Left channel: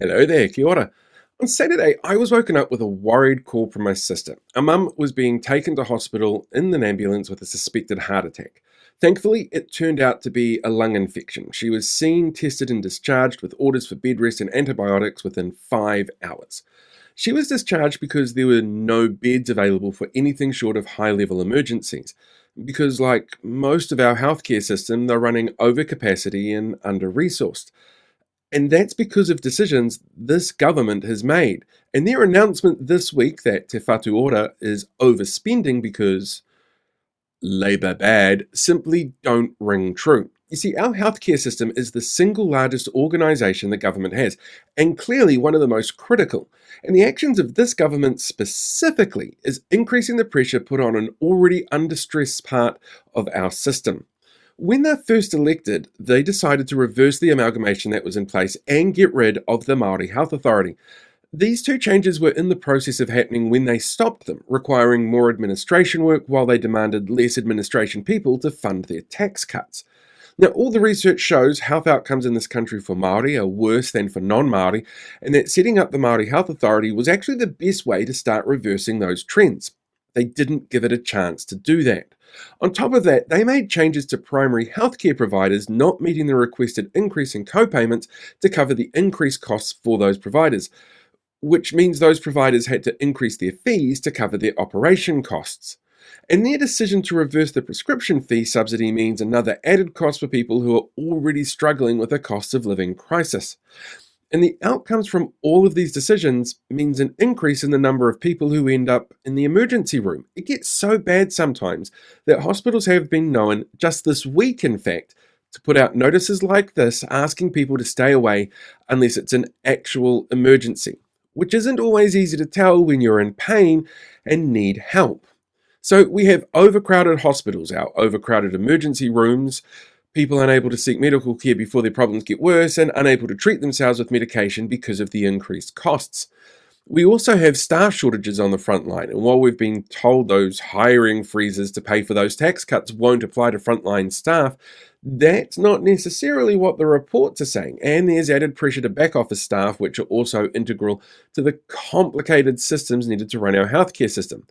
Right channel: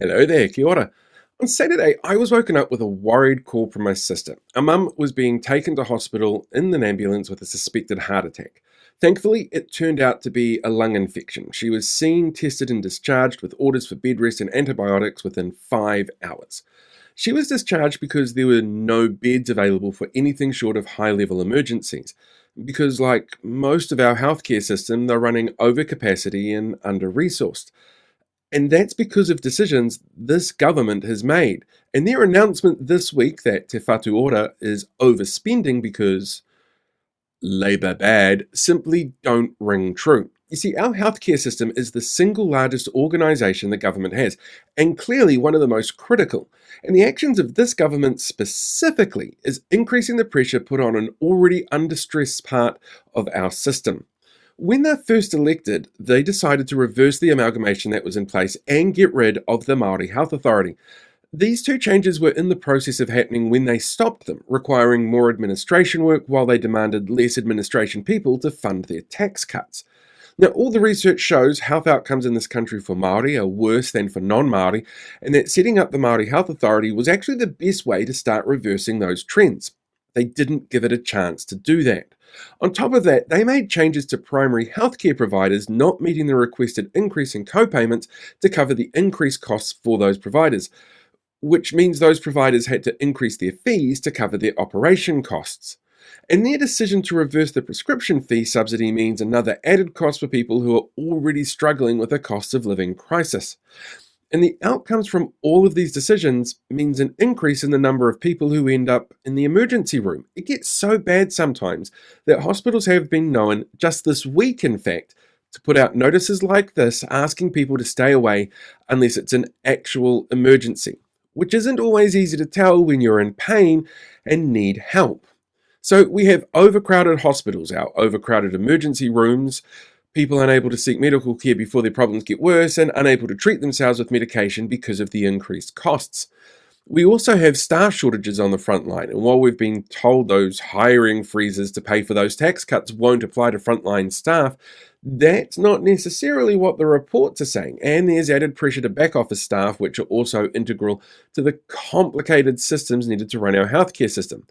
Hello there, kia ora. On Saturday, I was woken up with a worried call from my sister. Our mum was being taken to hospital in an ambulance with a suspected heart attack. Thankfully, it turned out to be a lung infection. She was seen, tested, and discharged with orders for bed rest and antibiotics within 5 hours. She was discharged because there were no beds available for anything short of high level emergencies. Because, like most of our healthcare system, they're running over capacity and under resourced. And that's because of decisions this government has made. And their announcement this week that Te Whatu Ora is overspending because Labour bad simply don't ring true. You see, our healthcare system is the single largest organisation the government has, and clearly one of the most critical. And the actions of this government specifically is increasing the pressure put on an already under stress part of our system. When they first elected, they decided to reverse the amalgamation that was in place and get rid of the Māori Health Authority. These two changes were in the process of happening when they stopped them, requiring more administration work while they demanded less administration people to fund their tax cuts. Now, all the research shows health outcomes in this country for Māori are worse than for non-Māori, and that setting up the Māori Health Authority was actually the best way to start reversing those trends. They didn't give it a chance to do that. On top of that, they made changes to primary healthcare providers not meeting the requested increase in co-payments to cover the increased costs for those providers, which means those providers had to increase their fees to cover their operation costs. And their decision to reverse the prescription fee subsidy means another added cost for people who are already struggling with a cost of living crisis. And the outcomes from all of these decisions means an increase in the number of people who end up in the emergency room. It gets so bad sometimes that hospitals have been known, just this week in fact, to put out notices like this asking people to stay away unless it's an actual emergency, which isn't always easy to tell when you're in pain and need help. So we have overcrowded hospitals, our overcrowded emergency rooms, people unable to seek medical care before their problems get worse, and unable to treat themselves with medication because of the increased costs. We also have staff shortages on the front line, and while we've been told those hiring freezes to pay for those tax cuts won't apply to frontline staff, that's not necessarily what the reports are saying, and there's added pressure to back office staff, which are also integral to the complicated systems needed to run our healthcare system,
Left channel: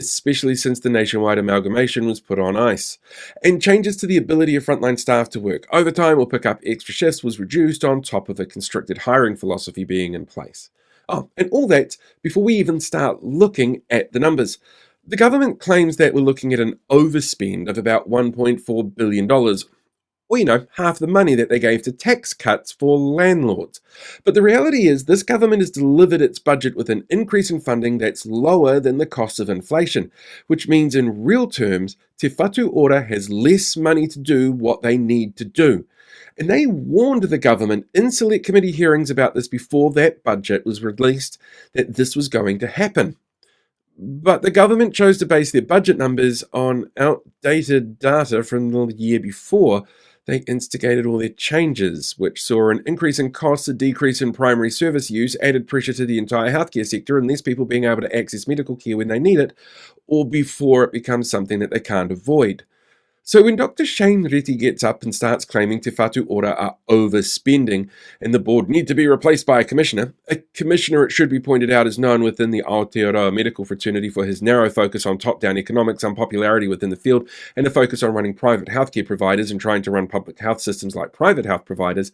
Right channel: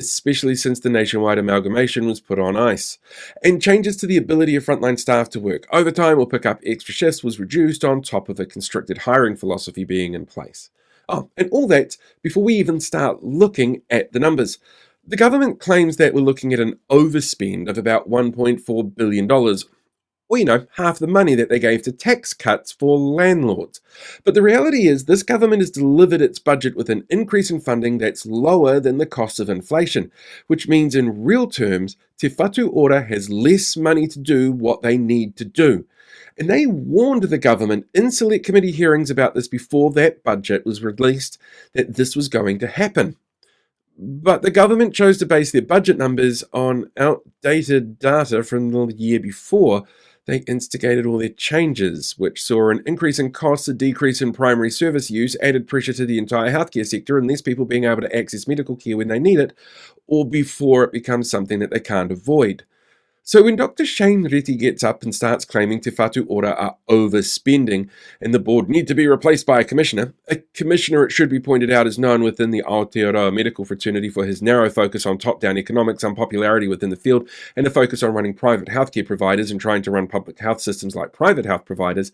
especially since the nationwide amalgamation was put on ice. And changes to the ability of frontline staff to work overtime or pick up extra shifts was reduced on top of a constricted hiring philosophy being in place. Oh, and all that before we even start looking at the numbers. The government claims that we're looking at an overspend of about $1.4 billion. Well, half the money that they gave to tax cuts for landlords. But the reality is this government has delivered its budget with an increase in funding that's lower than the cost of inflation, which means in real terms, Te Whatu Ora has less money to do what they need to do. And they warned the government in select committee hearings about this before that budget was released, that this was going to happen. But the government chose to base their budget numbers on outdated data from the year before they instigated all their changes, which saw an increase in costs, a decrease in primary service use, added pressure to the entire healthcare sector, and less people being able to access medical care when they need it, or before it becomes something that they can't avoid. So when Dr Shane Reti gets up and starts claiming Te Whatu Ora are overspending and the board need to be replaced by a commissioner, it should be pointed out, is known within the Aotearoa medical fraternity for his narrow focus on top-down economics, unpopularity within the field, and a focus on running private healthcare providers and trying to run public health systems like private health providers,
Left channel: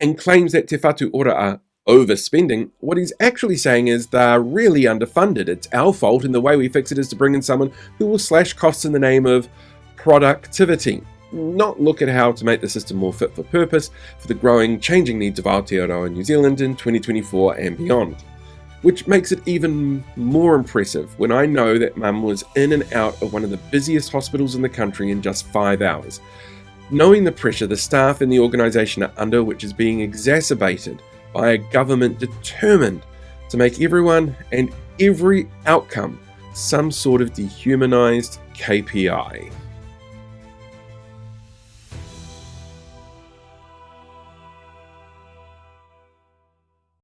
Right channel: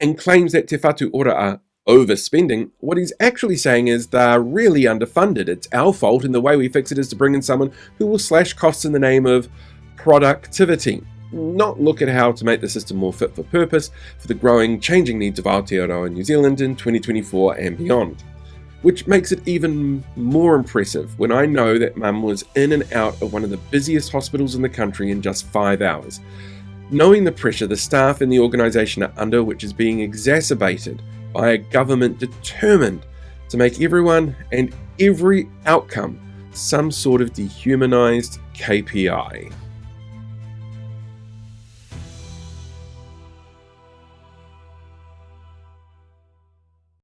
and claims that Te Whatu Ora are overspending. What he's actually saying is they're really underfunded. It's our fault, and the way we fix it is to bring in someone who will slash costs in the name of productivity, not look at how to make the system more fit for purpose for the growing, changing needs of Aotearoa New Zealand in 2024 and beyond. Which makes it even more impressive when I know that Mum was in and out of one of the busiest hospitals in the country in just 5 hours. Knowing the pressure the staff and the organisation are under, which is being exacerbated by a government determined to make everyone and every outcome some sort of dehumanised KPI.